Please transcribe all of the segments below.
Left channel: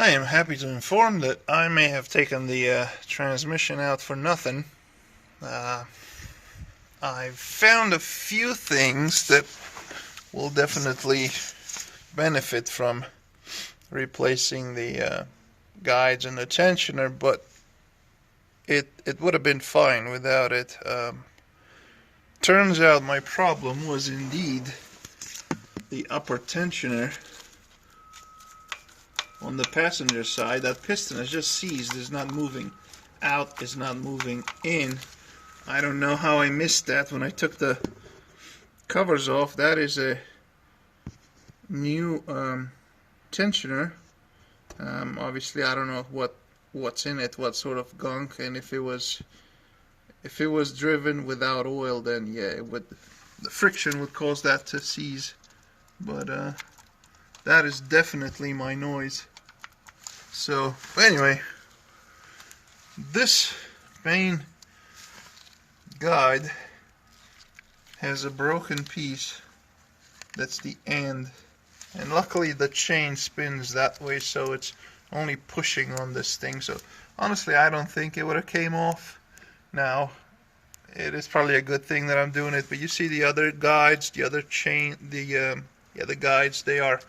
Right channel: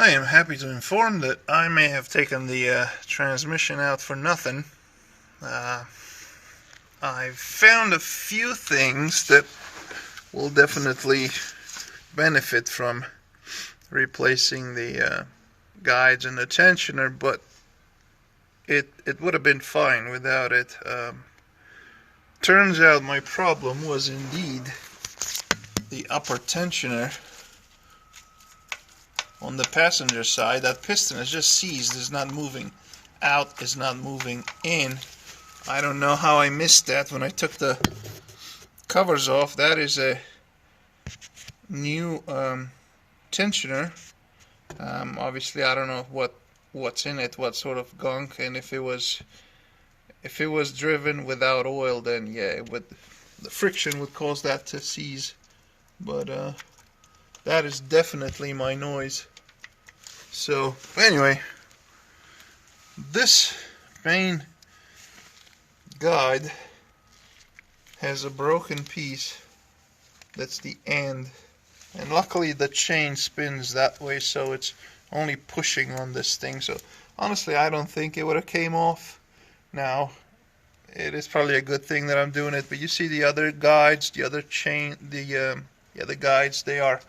I am happy to inform that I may have taken the transmission out for nothing. I've found a few things that will definitely benefit from replacing the guides and the tensioner, but it would have been fine without it. Turns out my problem was indeed the upper tensioner on the passenger side. That piston is just seized, is not moving out, is not moving in. I don't know how I missed that when I took the covers off. That is a new tensioner. Obviously I don't know what's in it, what sort of gunk, and if it was driven without oil, then yeah, the friction would cause that to seize. But that is definitely my noise. So anyway, this main guide has a broken piece. That's the end, and luckily the chain spins that way, so it's only pushing on this thing. So honestly, I don't think it would have came off. Now, it is probably a good thing that I'm doing it, but you see the other guides, the other chain, the guides, they are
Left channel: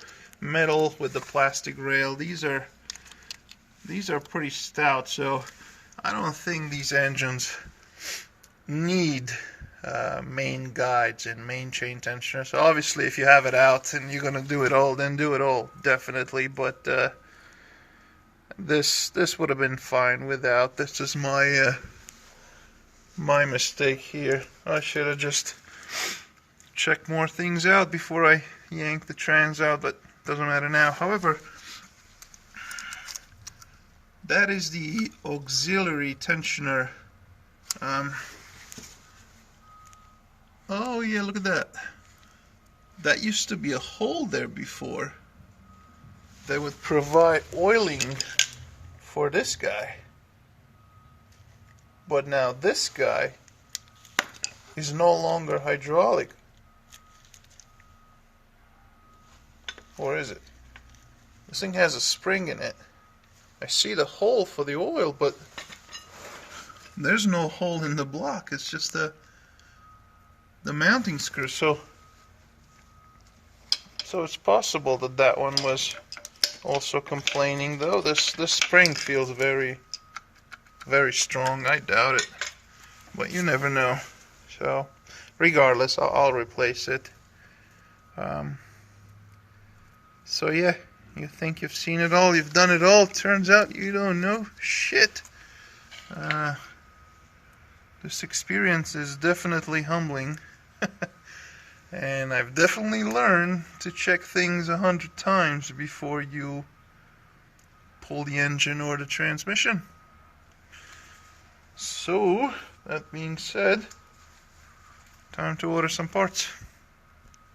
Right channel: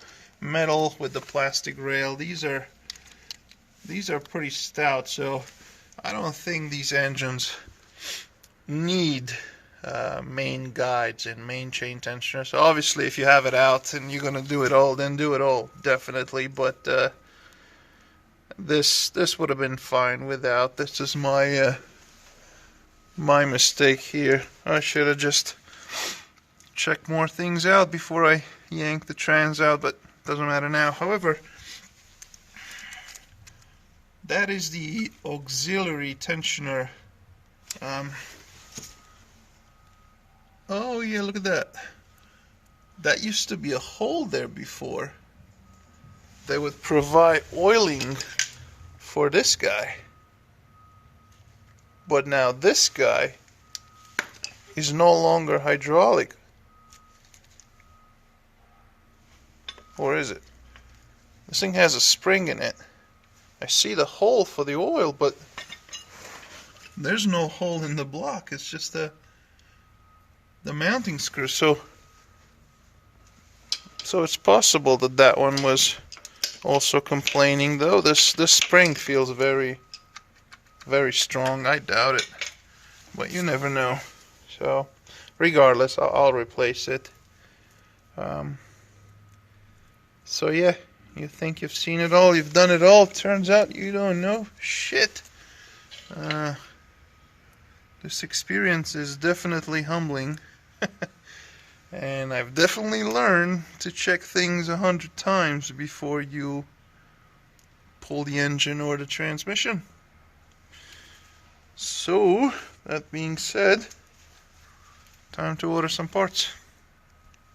metal with the plastic rail. These are pretty stout, so I don't think these engines need main guides and main chain tensioner. So obviously if you have it out and you're gonna do it all, then do it all, definitely. But this would have been fine without. This is my my mistake here. I should have just checked more things out before I yanked the trans out, but doesn't matter now. However, that is the auxiliary tensioner. Oh yeah, look at that. That used to be a hole there before. They would provide oiling for this guy. But now this guy is no longer hydraulic. Or is it? This thing has a spring in it. I see the hole for the oil, but there's no hole in the block. It's just the mounting screw. So it's possible that that one was also complaining, though. This spring feels very, very strong. I doubt it, but you never know. So regardless, I'll replace it. So yeah, you think you've seen it all, you've done it all. Turns out you don't know shit. This experience is definitely humbling. And I've definitely learned to check things 100 times before you pull the engine or the transmission. So, that being said, time to order some parts.